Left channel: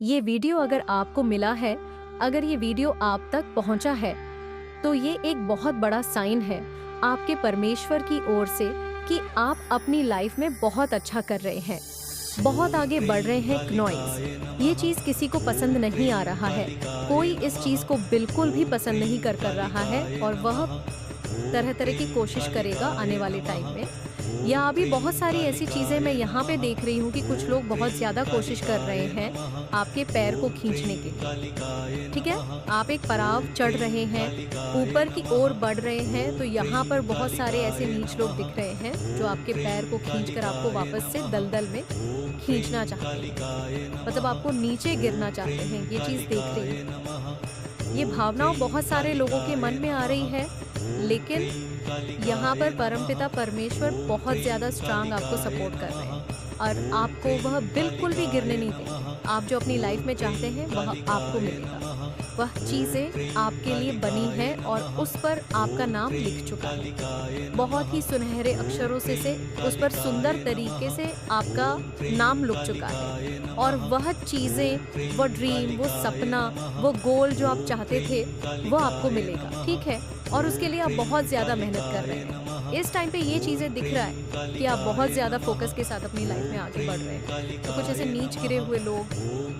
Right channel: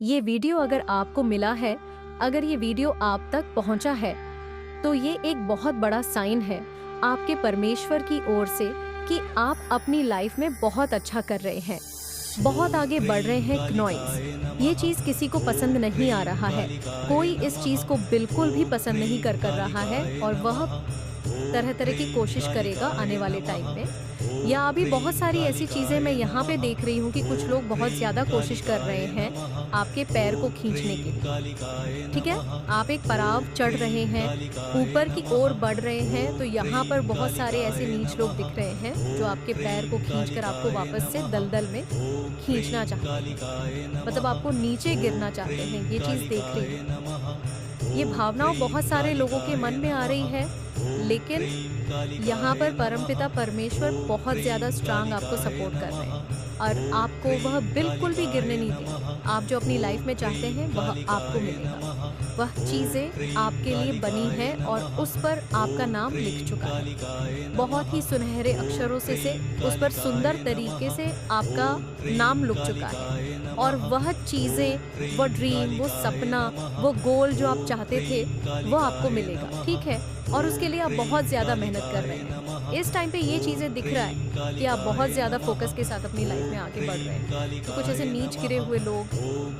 ये वीडियो अगर आपको मिला है, अगर ये वीडियो आप तक पहुंचा है, तो ये एक बहुत बड़ा साइन है आपके परमेश्वर की ओर से कि आप अपनी लाइफ में बहुत अच्छा कर रहे हैं, बहुत आगे बढ़ रहे हैं। क्नॉइज ये चीज़ किसी को पसंद नहीं आ रहा है, कोई इस चीज़ को बिल्कुल भी पसंद नहीं कर रहा है और वह तरह तरह की कोशिश करेगा आने वाले टाइम में। या अभी बहुत सारी ऐसी चीज़ें मैं यहाँ पे देख रही हूँ कि कुछ लोग बहुत ज़्यादा कोशिश कर रहे हैं आपके पैर को खींचने के लिए। ठीक है, आप एक पड़ाव चढ़ रहे हैं, ऊपर की ओर बढ़ रहे हैं, तो यहाँ पर बहुत सारे ऐसे नीच लोग दिख रहे हैं जो आपके पैर को खींचकर आपको वापस से दलदल में खींचना चाहते हैं, मतलब आपको नीचे गिरना चाहते हैं। ये चीज़ देख रही है, ये भावनाओं बहुत सारे लोगों के मन में आ रही है, लेकिन यहाँ पर परमपिता परमेश्वर बहुत ज़्यादा स्ट्रांग आपको सपोर्ट कर रहे हैं और आपको वह बिल्कुल भी गिरने नहीं देंगे। आप जो अपनी लाइफ में चाहते हैं वह आपको मिलेगा, वह चीज़ें आपके लिए बनी है और उस पर आपका नाम लिख चुका है। बहुत ही सुनहरे अक्षरों से उस पर सुंदर तरीके से आपका नाम लिख चुका है और वह चीज़ें, वो ड्रीम, वो सपना, वो गोल जो आप चाहते थे वो आपको मिलेगा। ठीक है, और उसके लिए आप बहुत ज़्यादा मेहनत कर रहे हैं। इस टाइम पे ये चीज़ें दिख रहा है कि आप बहुत ज़्यादा फोकस के साथ अपनी लाइफ में आगे बढ़ रहे हैं। तो कुछ ऐसे नीच गिरे हुए लोग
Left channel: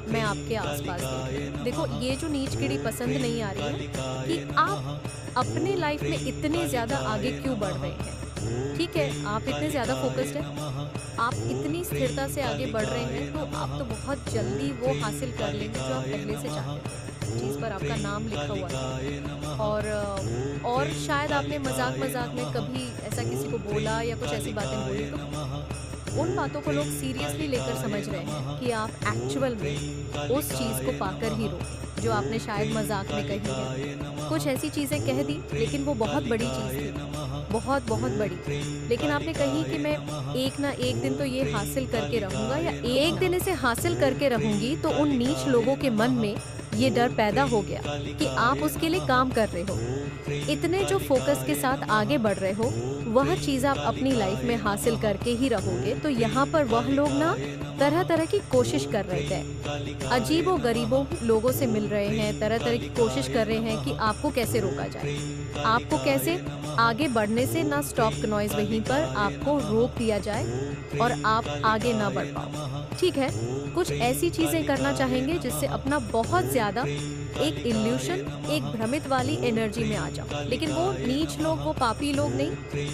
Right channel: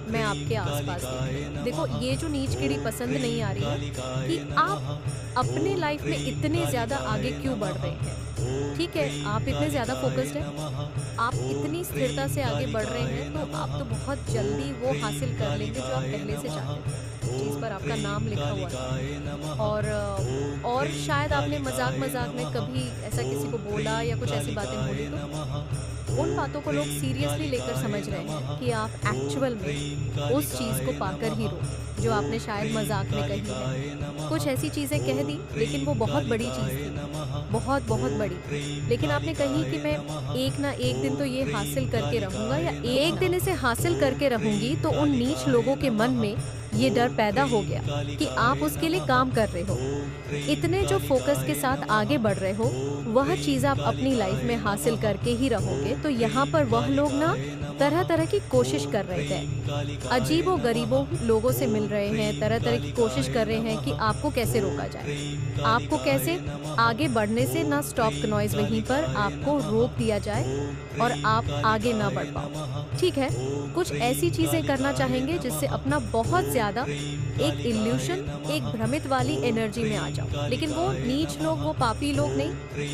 मैं आपके आसपास देख रही हूँ। देखो, ये जो नीच गिरी पसंद नहीं आ रही है कि आप अपने लाइफ में इतने ज़्यादा आगे क्यों बढ़ रहे हैं। ठीक है, आप इतने ज़्यादा फोकस्ड हैं, आप इतनी स्थिरता से आगे बढ़ रहे हैं, तो आप तो बहुत जल्दी वो हासिल कर लेंगे जो आप पहले से चाहते थे, चीज़ पर आपका नाम लिखा हुआ था। और शायद आपने मजाक में कभी ऐसा किसी को बोला या कुछ ऐसी बातें बोली, तो उन बातों को लोग सीरियसली लेकर समझ रहे हैं कि आप एक्चुअल में उस चीज़ को पाकर ही रोके जो आपने शायद मजाक में कही है। कुछ ऐसी चीज़ें कह दी, लेकिन वो बहुत बड़ी चीज़ थी, बहुत बहुत बड़ी। लेकिन आपने कही कि मैं एक ना एक दिन तो ये हासिल करके रहूँगा, या एक दिन इसे हासिल करके रहूँगी। तो उन नीच लोगों के मन में ये डर पैदा हो गया कि आप उसके लिए काम कर रहे हो, इतने जो फोकस के साथ आगे बढ़ रहे हो, वह चीज़ आप अपनी लाइफ में हासिल करके ही रहोगे। तो यहाँ पर वह लोग ना तरह तरह की कोशिश कर रहे थे, अजीबों गरीबों लोगों से मिल रहे हैं, तरह तरह की कोशिश कर रहे हैं कि आपको कैसे रोका जाए, आपको कैसे आगे बढ़ने से ना स्टॉप नॉइज वहीं पर आपको रोक दिया जाए और आप आगे ना बढ़ पाओ। ठीक है, कुछ ऐसी चीज़ें करना चाहेंगे जिससे अपना बहुत ज़्यादा एक इल्यूशन, एक भ्रमित वाली एनर्जी में आ जाओ। लेकिन वो नीच लोग, वो पापी लोग नहीं,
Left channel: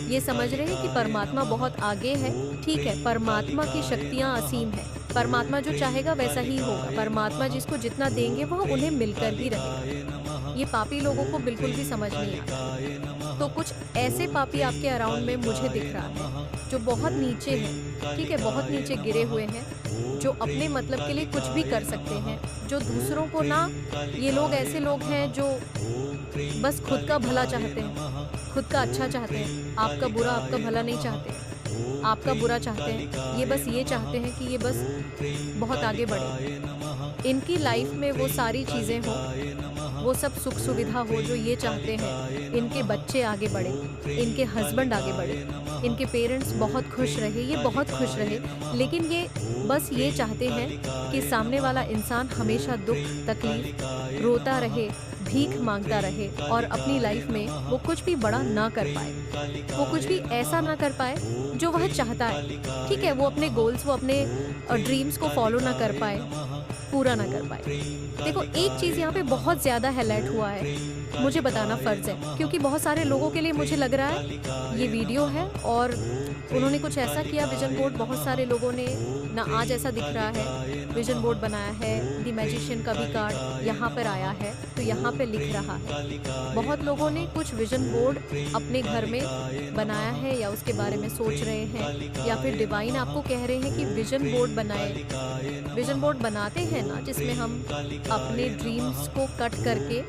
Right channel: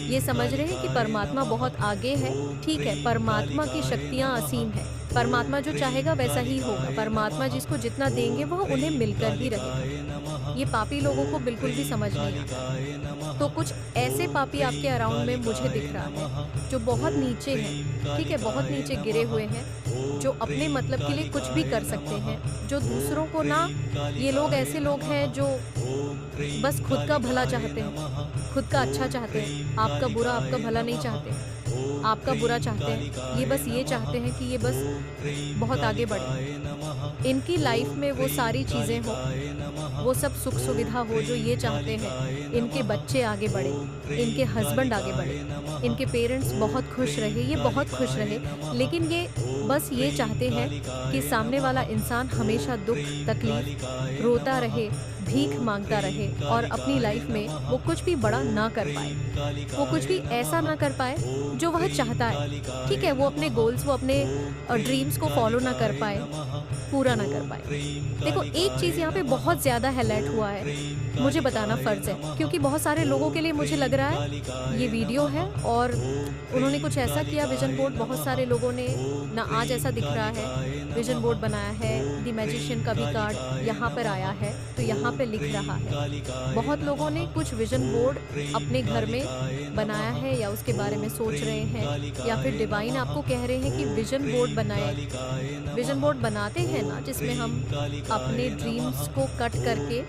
ये समझ रहे हैं कि परमात्मा बहुत आगे है। ठीक है, परमात्मा की शक्तियाँ असीम है, परमात्मा जो चाहेगा वैसा ही होगा, परमात्मा जिसको जितना देंगे वह उन्हें मिलकर ही रहेगा। ये पापी लोगों को बिल्कुल भी समझ नहीं आता। तो कुछ ऐसे पापी आपके अराउंड में मुझे दिख रहा है जो बहुत नीचे हैं। ठीक है, बहुत नीचे गिरे हुए हैं, जो अपने मतलब के लिए कुछ भी कर सकते हैं, जो दूसरों को ना, ये लोग ऐसे लोग हैं जो बस खुद का भला चाहते हैं, खुद का अच्छा चाहते हैं, आपका बुरा, आपका भला नहीं चाहते हैं, आपका बुरा चाहते हैं। ये बस ये चाहते हैं कि ये बस बहुत आगे बढ़े, इनकी लाइफ में वो सारी चीज़ें हो, वो सब सुख सुविधा हो जो ये चाहते हैं। इनके बच्चे आगे बढ़े, इनके हस्बैंड आगे बढ़े, इनके पेरेंट्स बहुत खुश रहे, ये बहुत खुश रहे। लेकिन ये बस ये चाहते हैं कि सामने वाला इंसान हमेशा दुख तकलीफ रोता रहे, भीख मांगता रहे और अपनी लाइफ में वो कुछ भी बड़ा ना कर पाए, वो कुछ भी ऐसा ना कर पाए जो वह चाहता है। ठीक है, वो अपने गोल्स, वो अपने ड्रीम्स को फॉलो ना कर पाए, पूरा ना कर पाए। देखो, एक चीज़ यहाँ पे बहुत ज़्यादा हाईलाइट हुआ है, मुझे बताना फ़र्ज़ है, क्योंकि बहुत सारे लोगों के लिए मुझे लग रहा है ये वीडियो है और उन्होंने कुछ ऐसा किया। विजन बोर्ड, बहुत सारे लोगों ने ना, आज ऐसा दिख रहा है विजन बोर्ड बनाया है, द मैजिशियन का भी कार्ड यहाँ पर आया है, तो यहाँ पे लिख रहा है। बहुत लोगों ने कुछ विजन बोर्ड अपने घर में बनाया है या उसके बारे में सोच रहे हैं, या फिर डिवाइन आपको कह रहे हैं कि विजन बोर्ड बनाए। विजन बोर्ड बनाते हैं ना, जिसमें हम अपने ड्रीम्स को कट करके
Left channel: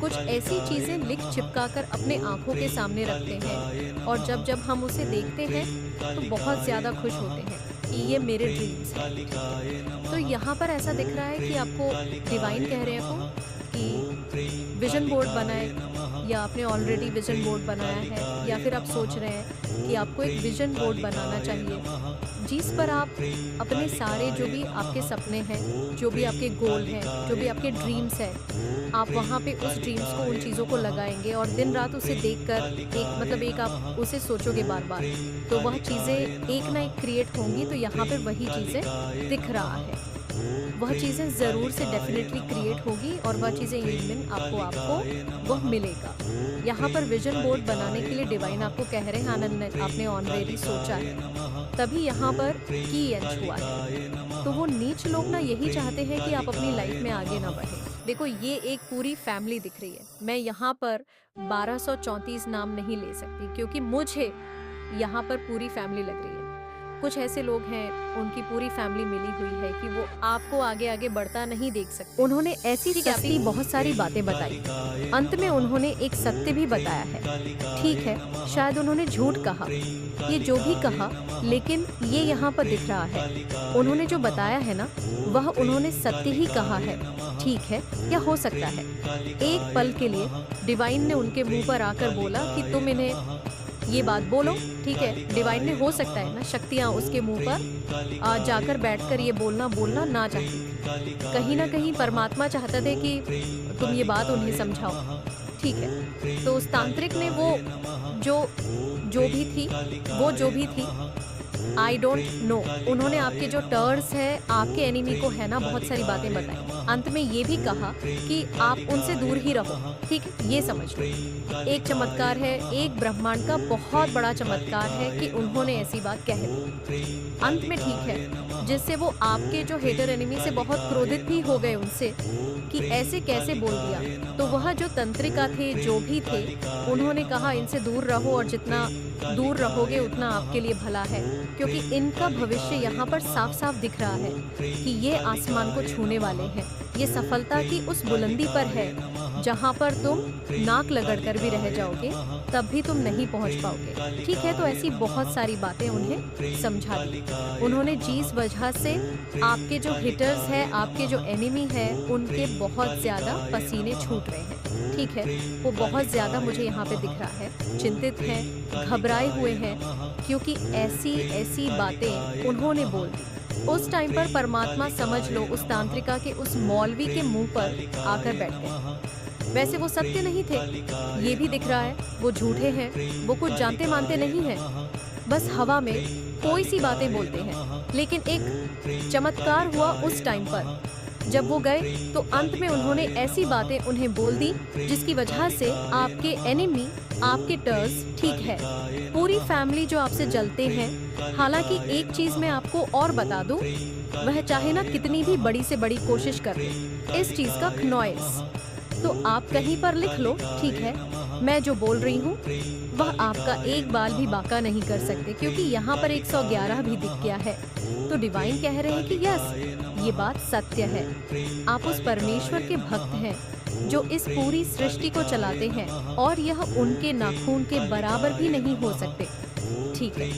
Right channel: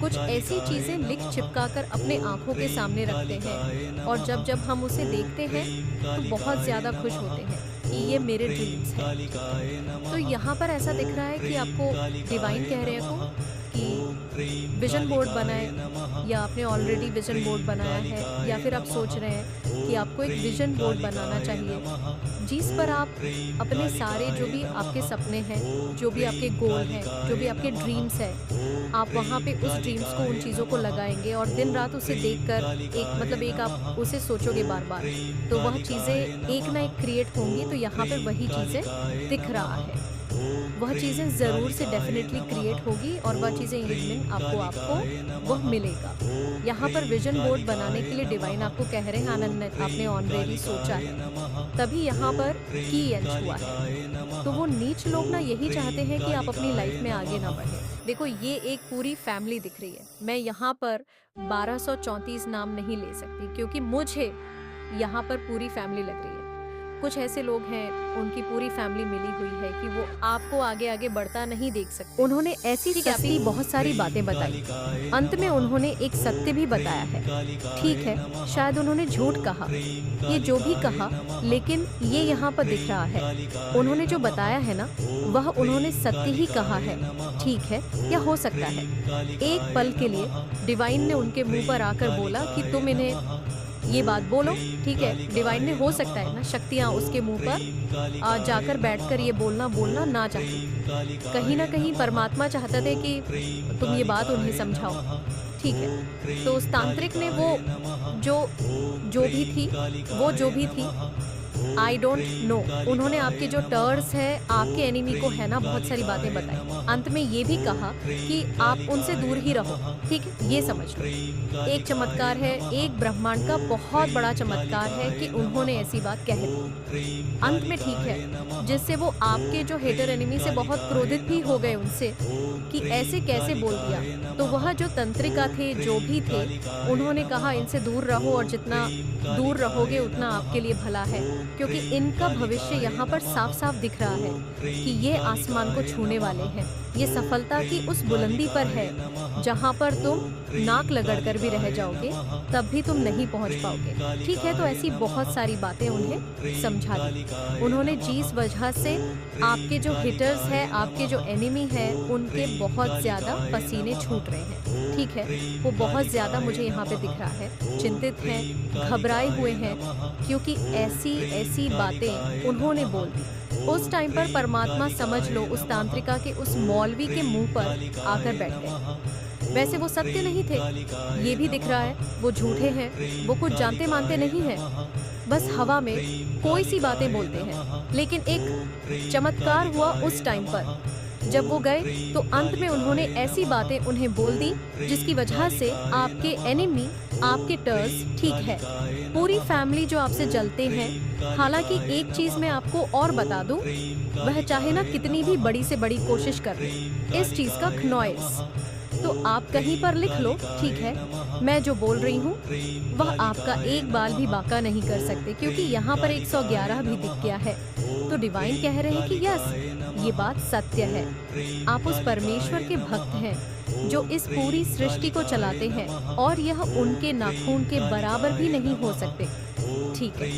कुछ ऐसी चीज़ें लिख चिपका कर अपने आँखों के सामने रखते हैं, और जब जब हम उसे देखते हैं तो बहुत ज़्यादा खुश होते हैं कि ये मेरे ड्रीम्स हैं। तो यहाँ पर ऐसा दिख रहा है कि आपको डिवाइन कह रहे हैं को कि विजन बोर्ड बनाए, या आपने ऑलरेडी विजन बोर्ड बनाया है, या फिर आप सोच रहे हैं कि आपको एक विजन बोर्ड बनाना चाहिए जिस पर आप अपने सारे जो भी आपके सपने हैं, जो भी आपके गोल हैं, जो भी आपके ड्रीम्स हैं, आप वहाँ पे उस ड्रीम्स को, उन चीज़ों को लगाएंगे और दिन रात उसे देखकर एक आप उसे सोचोगे बार बार, तो वह चीज़ें एक ना एक क्रिएट होंगी। तो यहाँ पे वही चीज़ें दिख रहा है, वह चीज़ें ज़रूर से डेफिनेटली क्रिएट होगी और वह चीज़ें इवनिंग आपको वह मिलेगा। यहाँ पर विजन बोर्ड बनाने के लिए डिवाइन आपको कह रहे हैं, आनंद ने आपने ऑनरेडी सोचा है, तभी यहाँ पर की एंच हुआ है। तो वो नीच लोग ना यही चाहते हैं कि आप अपनी लाइफ में आगे ना बढ़े। देखो, ये एक पूरी फैमिली दिख रही है। मैं यहाँ पर 1234 नाम नहीं ले सकती क्योंकि मुझे यहाँ पर पूरी फैमिली लग रही है। कुछ ऐसे लोग हैं, उनकी पूरी फैमिली मिली हुई है कि वो आपको आगे आगे बढ़ता नहीं देख सकते। उन्होंने ऐसी सस्ती बहुत सारी बातें बताई, अंत में उन्होंने एक सत्य भी बताया है। ठीक है, शायद उन्होंने झूठ कहा, ये जो भी कहा, लेकिन ये यहाँ पर दिख रहा है। उन्होंने जो बताया है ना, वह उन्होंने सत्य ही कहा है। ठीक है, या हो सकता है एक पल के लिए डिवाइन ने उनके मुंह पर आकर बोला कि तुम इन्हें ये बात बोलो। ठीक है, डिवाइन ने, हो सकता है ना, शक्तियाँ उसके मुंह पर जाकर बैठकर ये बोलना ना चाहती थी। कहीं ना कहीं परमात्मा चाहता थे कि तुम ये बात उन्हें समझाओ। ठीक है, तो उस तांत्रिक ने वो जो भी थी, आई डोंट नो, उन्होंने आपके जो टर्स है, आपके एनिमी को है ना, बहुत सारी बातें बताई। अंत में ये भी कहा कि आप उनसे दूर ही रहो। ठीक है, ये समझ लो, एक चमत्कार है, एक ब्रह्मांड का बहुत बड़ा चमत्कार है कि उन्होंने ऐसी बात कह दी अंत में। ठीक है, जिससे वो आपके जो हेटर एनिमी से बहुत क्रोधित भी हो गए उनसे कि ऐसे कैसे बोल दिया। तो वह जो तंत्रिका थे, जो भी थे, उन्होंने कहा इनसे दूर रहो और जितना दूर रहोगे उतना आपके लिए भला है, क्योंकि इनका भविष्य यहाँ पर साफ साफ दिख रहा है कि ये आसमान को छूने वाले हैं। ये सफलता की उस बुलंदी पर है जहाँ पर तुम नाक लगड़कर भी रह जाओगे, तब भी तुम नहीं पहुँच पाओगे। ठीक है, तो ऐसी बहुत सारी बातें उन्हें समझा दी उन्होंने, जिस वजह से आपके जो हिटर्स हैं, आपके जो एनिमी है, उनके बहुत ज़्यादा पसीने छूट रहे हैं। ठीक है, वो बहुत ज़्यादा मुझे यहाँ पे दिख रहा है, चिंतित हैं, घबराए हुए हैं, क्योंकि ऐसी बातें उन्होंने बोल दी। उस टाइम पर परमात्मा, समझ लो, उस तांत्रिका के उस मौलवी के मुंह पर आकर बैठ गए। वैसे वो सत्य नहीं थे, ये भी दिख रहा है, वो झूठे हैं, वो कुछ जानते मानते नहीं हैं, बस हवा में कोई सी बातें बोलते हैं। लेकिन एक चमत्कार हुआ उस टाइम पर, जब वो गए तो अंत में उन्होंने ऐसी बातें उन्हें बोल दी जिसकी वजह से आपके एनिमी, आपके टर्स, ठीक है, पूरी फैमिली जो आपसे जलते हैं। हालांकि एक चीज मैं आपको और बता दूं, वह चाहे ना कितनी भी बड़ी से बड़ी कोशिश कर ले, इस चीज का नॉइस तो आप कहीं पर लिख लो। ठीक है, मैं जो बोल रही हूँ वह आपका एक बाल भी बाका नहीं कर सकते, क्योंकि यहाँ पर 111 भी दिख गया है। तो डिवाइन कह रहे हैं कि यस, ये बात सत्य है। आप उस परमेश्वर के भक्त हैं जो इस पूरी सृष्टि को चलाते हैं, और यह उनके नाखून के बराबर भी नहीं हो सकते। ठीक है,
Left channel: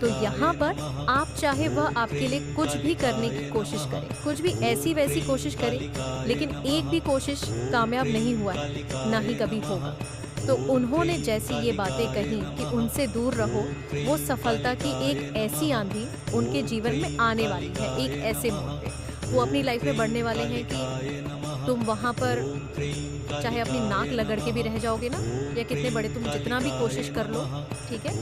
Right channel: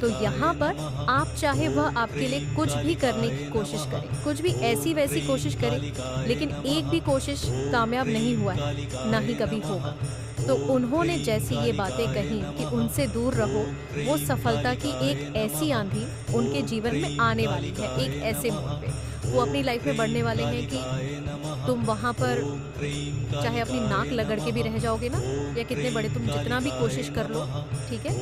तो यहाँ पर आप चाहे वह आपके लिए कुछ भी करने की कोशिश करें, कुछ भी ऐसी वैसी कोशिश करें, लेकिन एक भी कोशिश कामयाब नहीं हुआ है, ना ही कभी होगा। तो उन्होंने जैसी ये बातें कही कि उनसे दूर रहो, वो सफलता की एक ऐसी आंधी उनके जीवन में आने वाली है। एक ऐसे मोड़ पे वो अपनी लाइफ में बढ़ने वाले हैं कि तुम वहाँ पर चाहे अपनी नाक लगड़ के भी रह जाओगे ना, या कितने बड़े तुम जितना भी कोशिश कर लो, ठीक है,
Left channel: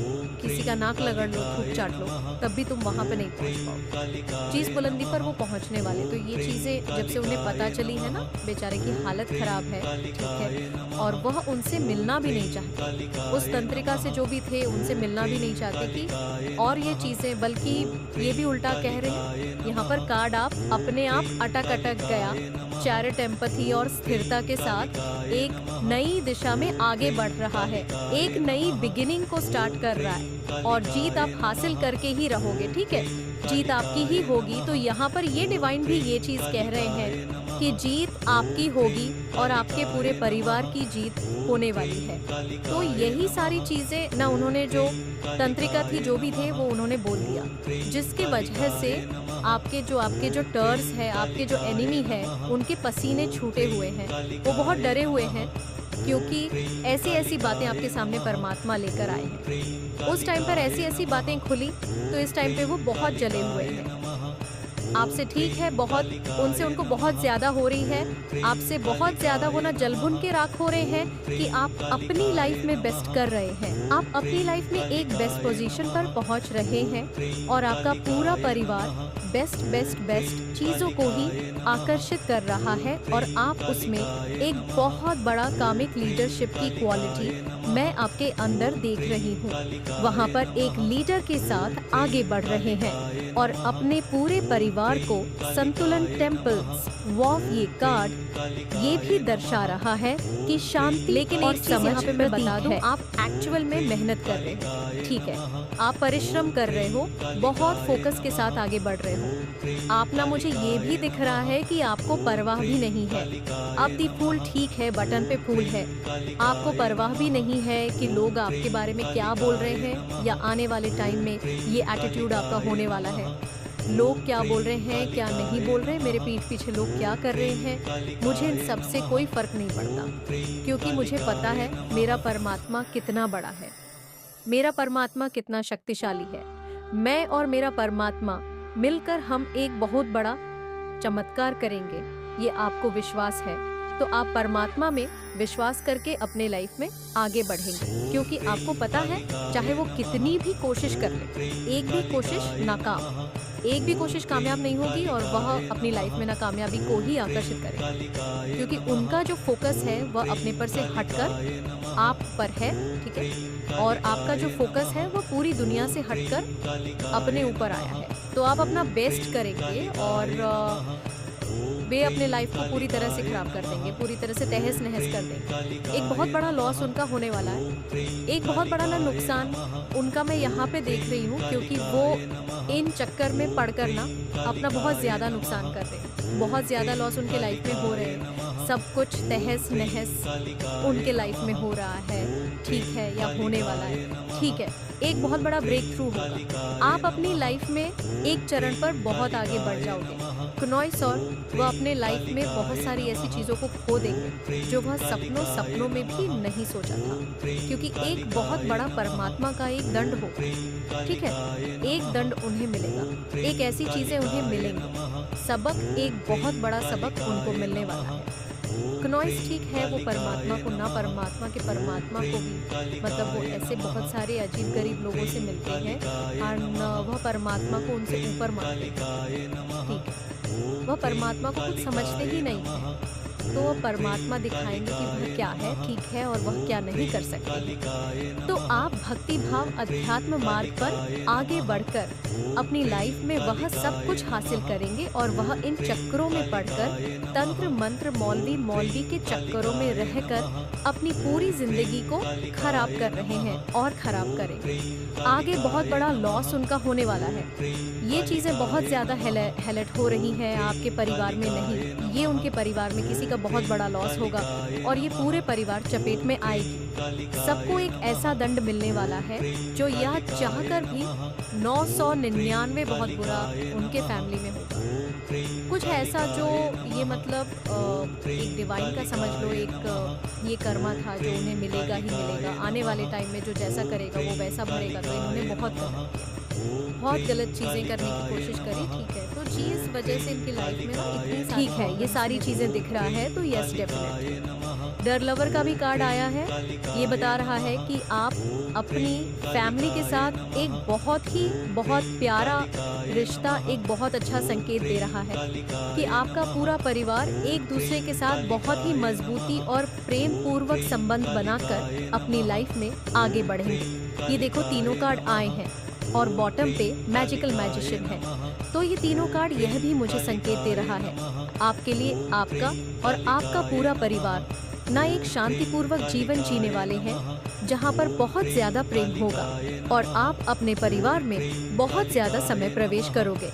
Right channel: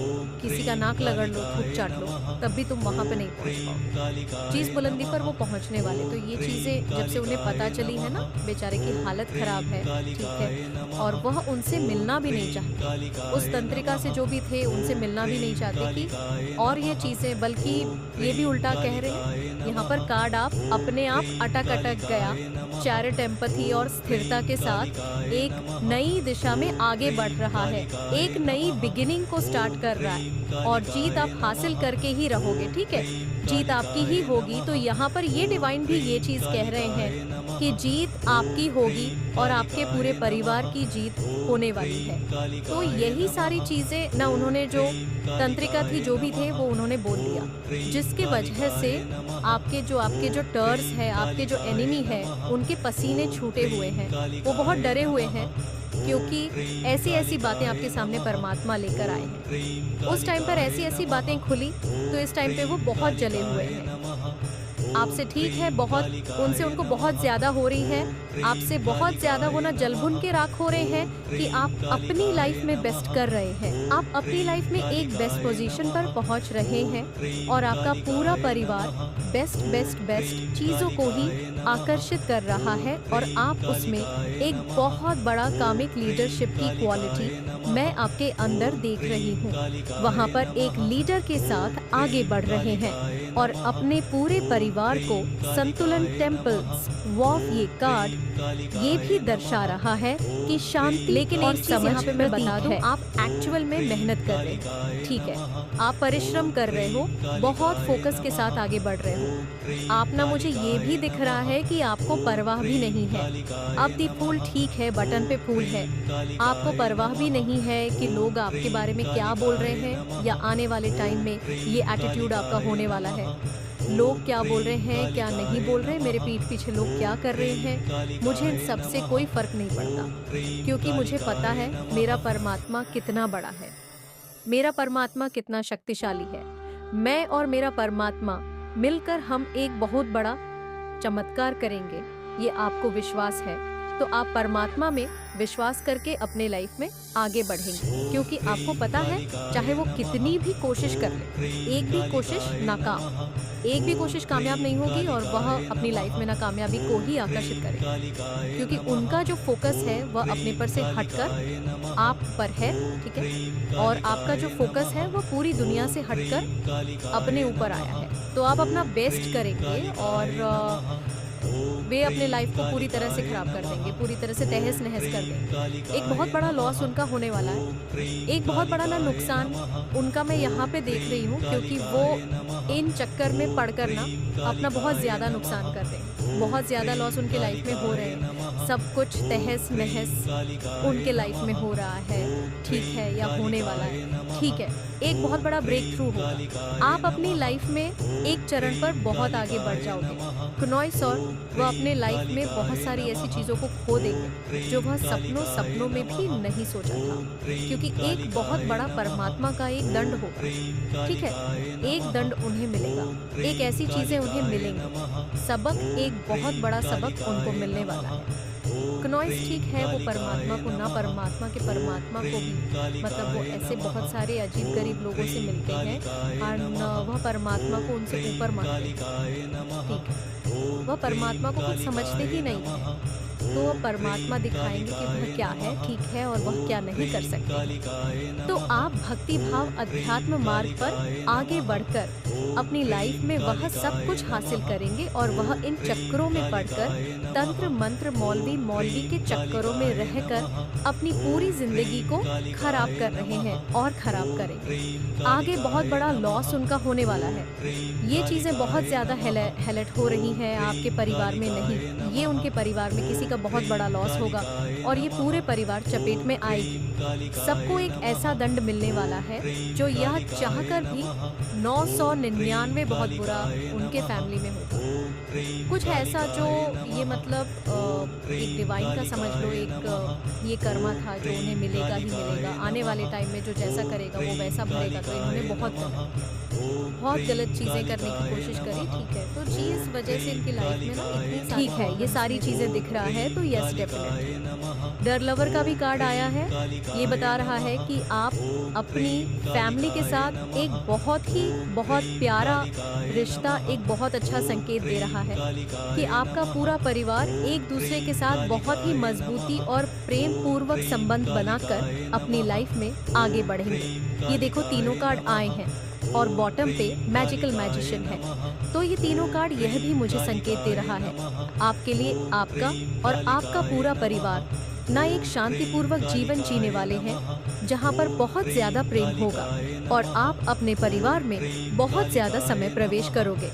किसी का नाक लगड़ लो, थूक चाट लो, तब भी तुम वहाँ पे नहीं पहुँच पाओगे। जिस बुलंदी पर वो पहुँचने वाले, तो ये चीज़ें जब से उन्हें पता चली है ना, बेचारे की हालत ख़राब है। ठीक है, और वह उनसे मिलना भी नहीं चाहते, उस तंत्रिका से जो भी थे उनसे मिलना भी नहीं चाहते कि और ये चीज़ें, बल्कि ये भी उल्टा कह रहे हैं। यहाँ पर कार्ड आप अपने आप अटक गया, चैरिट, एम्पैथी और स्थिरता के साथ एक नई दिशा में आगे बढ़ रहा है, एक नई बिगिनिंग को स्टार्ट कर रहा है, और जीत आप हासिल करके ही रहोगे। ठीक है, जीत आपकी ही होगी। तो यहाँ पर ये डिवाइन भी ये चीज़ कह रहे हैं कि जीत आपकी होगी और आपके पूरे परिवार की जीत होने वाली है। तो यही सारी चीज़ें ना, उन्होंने जो तंत्रिका थी, जो भी थे, वो उन्होंने बोल दिया, जिसके वजह से आपके जो टर्स है, आपके जो एनिमी है, उनके पसीने छूटे हुए हैं, वो बहुत डरे हुए हैं, क्योंकि ऐसी बातें आपके सामने परमात्मा लेकर आए हैं। उस टाइम पर ऐसी बातें खुली तो इस टाइम पे वो बहुत जले हुए हैं। आपसे ठीक है, बहुत उनसे उनको बहुत ज़्यादा हो रही है, आपसे बहुत ज़्यादा वो ना जल-भुन के राख हो रहे हैं कि आप अपनी लाइफ में बेस्ट कर रहे हैं। आप अपनी लाइफ में एक बेस्ट पोजीशन पर पहुंच रहे हैं और आपका पूरा परिवार बेस्ट बेस्ट बेस्ट चीज़ों को ही आकर्षित कर रहा है और आप उसमें एक बहुत बड़ा कामिक लीडरशिप की क्वालिटी मैं आपके अंदर देख रही हूँ। वहाँ पर एक लीडर के साथ आगे बढ़ रहे हैं और अपने पूरे परिवार को संतुलन टेम्पल्स वॉफ ये कार्ड ये भी दर्शा रहा है कि शांति लेकिन और एक चीज़ समझ यहाँ पे मैं बता दूं, आप एक्चुअल में मेहनत कर रहे हो, ठीक है, आप परिश्रम कर रहे हो, बहुत फोकस के साथ आगे बढ़ रहे हो। आप ना मुझे ये भी दिख रहा है कि आपको परवाह भी नहीं है। अब दी फूल ठीक है, बटन पे फूल है, आपको परवाह भी नहीं है कि लोग आपके बारे में क्या बोल रहे हैं या आने वाले टाइम में ये एटीट्यूड आपका होने वाला है। लोग क्या बोल रहे हैं, क्या नहीं बोल रहे, मेरे पीठ पीछे लोग क्या कर रहे हैं, मुझे इन सब से कोई फ़र्क नहीं पड़ता, क्योंकि मुझे पता है मेरा परमात्मा कितना बड़ा है, मेरा परमात्मा कितना शक्तिशाली है। मैं और मेरा परमात्मा मिलकर हम एक बहुत बड़ा चमत्कार करेंगे, ये आपको विश्वास है। तो आप परमात्मा में विश्वास करके अपने लाइफ में आगे बढ़ेंगे, क्योंकि आपको पता है चाहे वो कितनी भी कोशिश कर ले, एक भी कोशिश नाकाम, एक भी कोशिश कामयाब नहीं होगी और वह अपनी लाइफ में नाकामयाबी को ही आकर्षित करेगा, क्योंकि उनका जो फोकस है वह अपने पर से हटकर आप पर है, ठीक है, और आपका जो फोकस है वह पूरी दुनिया से हटकर अपने ऊपर आया है। तो आप अपना बेस्ट करेंगे और वे अपने लाइफ को पूरी तरह से खराब कर देंगे, पूरी तरह से तहस नहस कर देंगे। एक बहुत बड़ा लॉस उनका होने वाला है, एक बहुत बड़ा ना नुकसान उनका मैं यहाँ पे देख रही हूँ, क्योंकि वो इन चक्कर में पड़कर ना अपना बहुत ज़्यादा नुकसान कर रहे हैं, बहुत ज़्यादा लॉस उनके लाइफ में हो रहे हैं, सब कुछ तहस नहस उनके लाइफ में हो रहा है, ठीक है, या होने वाला है, ठीक है। एक बहुत बड़ा ब्रेक थ्रू होगा, आप अपनी लाइफ में एक चरण पर बहुत आगे बढ़ जाओगे। क्नॉइस और वह अपने लाइफ में बहुत सारी ऐसी चीज़ों को खो देंगे जो वह सपनों में भी नहीं सोचा था, क्योंकि एक बहुत बड़ा परमात्मा का एक दंड होगा, ठीक है, एक दंड उन्हें मिलेगा, एक ऐसी चीज़ें उन्हें मिलेंगी, सबक, एक बहुत बड़ा सबक उनको मिलने वाला है। क्नॉइस ठीक है, वो परमात्मा को ना परमात्मा के परमात्मा को भी, मतलब वो ऐसे बहुत सारे अजीब गरीब लोगों से मिलते हैं और वह परमात्मा को उनसे ऊपर मानते हैं, ठीक है, वह परमात्मा को कुछ समझते ही नहीं है, तो वह परमात्मा दिखाएंगे कि वह क्या है, ठीक है, और वह क्या नहीं कर सकते हैं। तो आप भक्ति भाव अध्यात्म मार्ग पर आगे बढ़कर अपनी लाइफ में वह सब कुछ हासिल करेंगे और वह इन चक्करों में पड़कर तंत्र मंत्र मौलवी के चक्करों में रहकर अपनी पूरी जिंदगी को खराब कर रहे हैं और खराब करेंगे। आगे बहुत बड़ा लॉस उनका होने वाला है। ये चीज़ें बहुत ज़्यादा हेलेट हो रही हैं आपके परिवार में नहीं, ये उनके परिवार में किसी का बहुत बड़ा लॉस होगा और ये पूरे परिवार चपेट में आएगी। सबको एक ऐसा दंड मिलने वाला है जो यह चाहकर भी 999 बहुत बुरा उनके फैमिली में होगा। कुछ ऐसा जो ये मतलब एक डिवाइन का समझ लो, एक ये कर्मा था जो उन्हें मिलेगा ही मिलेगा, आने वाले टाइम में जो जैसा करेगा वो वैसा भरेगा। तो इन्होंने बहुत गलत किया, बहुत गलत चीज़ें करने की कोशिश करी, ठीक है। तो जी इस वजह से इनकी लाइफ में ना इतनी सारी, ठीक है, ये सारी चीज़ें दिख रहा है। तो यस डेफिनेटली डर लवर का भी कार्ड आया है, ये बता रहा है कि आप अपनी फैमिली के साथ एक बहुत प्यारा रिश्ता, एक बहुत अच्छा संकेत दे रहा है कि आपका पूरा परिवार एक दूसरे के साथ बहुत ही मजबूती और प्रेम पूर्वक संबंध बनाकर अपनी लाइफ में आगे बढ़ेंगे। ये देखो तीनों कार्ड आए हैं और बॉटम पे मैजिकल मैजिशियन है। तो ये तीनों कार्ड यह भी मुझे संकेत दे रहा है आपके लिए आपका और आपका पूरा परिवार ना एक शांतिपूर्वक जीवन जीने वाले हैं जहाँ पर बहुत ज़्यादा प्रेम होगा और आप अपने परिवार में बहुत ज़्यादा समय प्रवेश करोगे,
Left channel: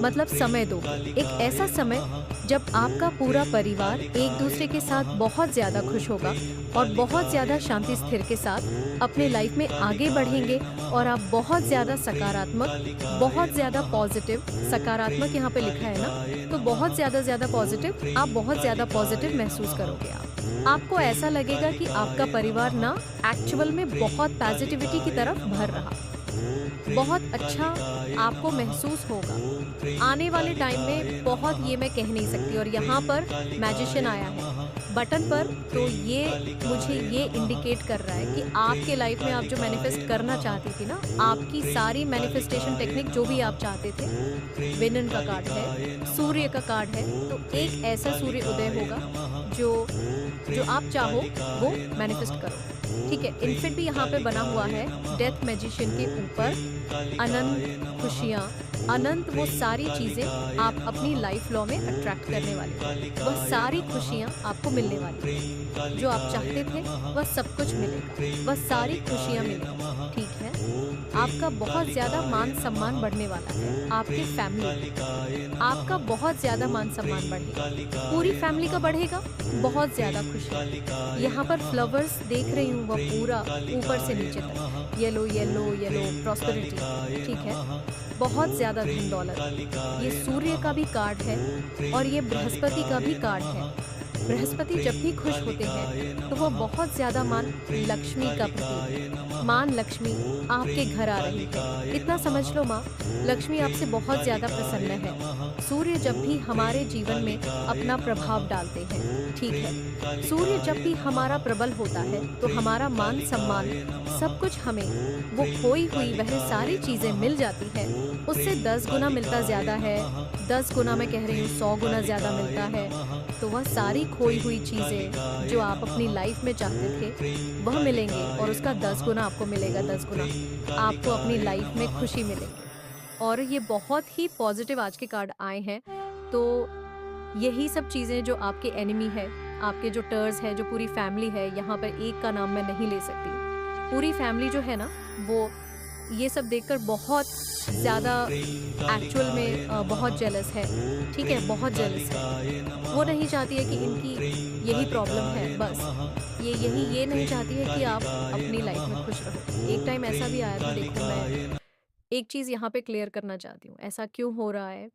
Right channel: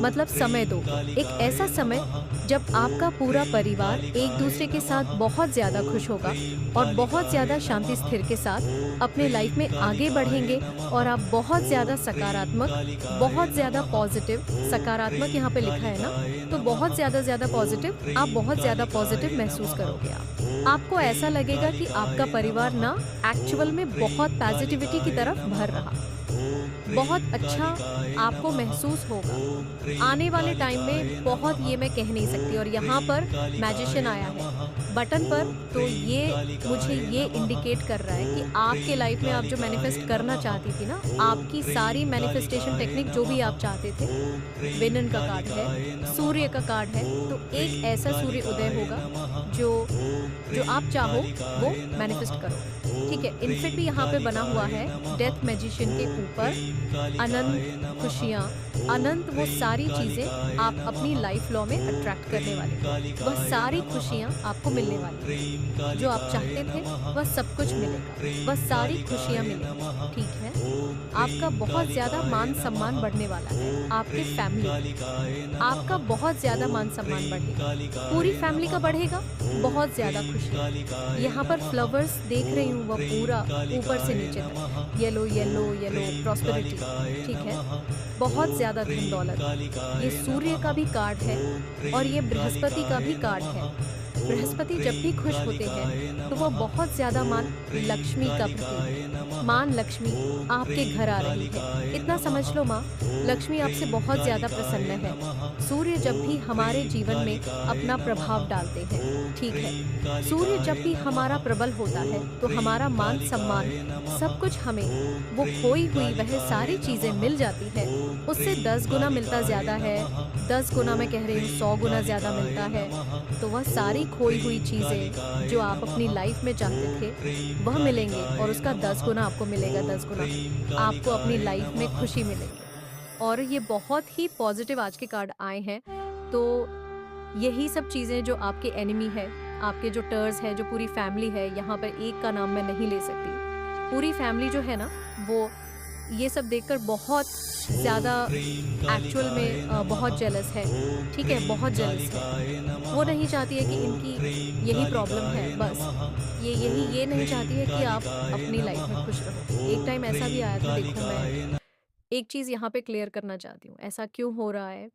मतलब समय दोगे। एक ऐसा समय जब आपका पूरा परिवार एक दूसरे के साथ बहुत ज़्यादा खुश होगा और बहुत ज़्यादा शांति स्थिर के साथ अपने लाइफ में आगे बढ़ेंगे और आप बहुत ज़्यादा सकारात्मक, बहुत ज़्यादा पॉजिटिव, सकारात्मक यहाँ पे लिखा है ना, तो बहुत ज़्यादा पॉजिटिव, आप बहुत ज़्यादा पॉजिटिव महसूस करोगे। आपको ऐसा लगेगा कि आपका परिवार ना एक्चुअल में बहुत पॉजिटिविटी की तरफ भर रहा, बहुत अच्छा आपको महसूस होगा। आने वाले टाइम में बहुत ये मैं कह नहीं सकती और यहाँ पर मैजिशियन आया है बटन पर, तो ये मुझे ये इंडिकेट कर रहा है कि आपके लाइफ में आप जो मैनिफेस्ट करना चाहती थी ना, आपकी सारी मैनिफेस्टेशन टेक्निक जो भी आप चाहते थे, विनन का कार्ड है, सूर्य का कार्ड है, तो एक ऐसा सूर्य उदय होगा जो जो आप चाहो वो मैनिफेस्ट करो। ठीक है, इन्फिट भी यहाँ पे बना हुआ है डेथ मैजिशियन के ऊपर। अनंत खुशियाँ, अनंत वो सारी चीज़ें आप अपनी लाइफ लॉ में अट्रैक्ट करने वाले हो। वह सारी खुशियाँ आपको मिलने वाली हैं। जो आप चाहते थे वह सब कुछ मिलेगा, वह सारी खुशियाँ मिलेंगी। ठीक है, आपका बहुत ज़्यादा मान सम्मान बढ़ने वाला है। आपके फैमिली में आपका बहुत ज़्यादा मान सम्मान बढ़ेगा, पूरी फैमिली का बढ़ेगा। बहुत ज़्यादा खुशियाँ, यहाँ पर फ्लावर्स देख रही हूँ, वह पूरा ऊपर से नीचे तक येलो येलो येलो प्रॉस्पेरिटी। ठीक है, बहुत ज़्यादा धन दौलत। ये सूर्य का भी कार्ड है और ये बृहस्पति का भी कार्ड है। बृहस्पति जब भी खुश होते हैं तो वह बहुत ज़्यादा मान लक्ष्मी का प्रतीक, मान लक्ष्मी आपके घर आ रही है। इतना समझ लो माँ, लक्ष्मी आपसे बहुत ज़्यादा प्रसन्न है। सूर्य जब भी हमारे जीवन में अपना प्रभाव डालते हैं, ठीक है, सूर्य जब भी हमारा प्रबल होता है तो हमारा मान सम्मान सब कुछ हमें, वो खोई हुई वह सारी चीज़ें मिल जाती है, उससे 10 गुना मिलता ज़्यादा है। 10 गुना मैं कह रही हूँ, 100 गुना ज़्यादा मिलता है। तो वह सारी खोई हुई चीज़ें जो आप अपनी लाइफ में चाहते थे वह मिलेंगे और उसका 10 गुना आपको मिलेगा। 10 गुना आपको अपनी लाइफ में खुशी मिलेगी। और ये बहुत ही पॉजिटिव आज के कार्ड आए हैं। तो यही सब चीज़ें जो आपके एनिमी है, आपके जो टर्स है, जो पूरी फैमिली है, यहाँ पर एक का नाम मैं नहीं ले सकती, पूरी फैमिली जो है ना, वो ये सब देखकर बहुत ज़्यादा एक्चुअल में बहुत जेलस है। ठीक है, बहुत जेलस है। वो नहीं चाहती है कि इनकी यही प्रॉब्लम है, बस ये नहीं चाहती है कि आप अपनी लाइफ में खुश रहो। एक टाइम ऐसा भी आया था, देखो मैं एक चीज़ यहाँ पे क्लियर करना चाहती हूँ, ऐसा क्यों हो रहा है?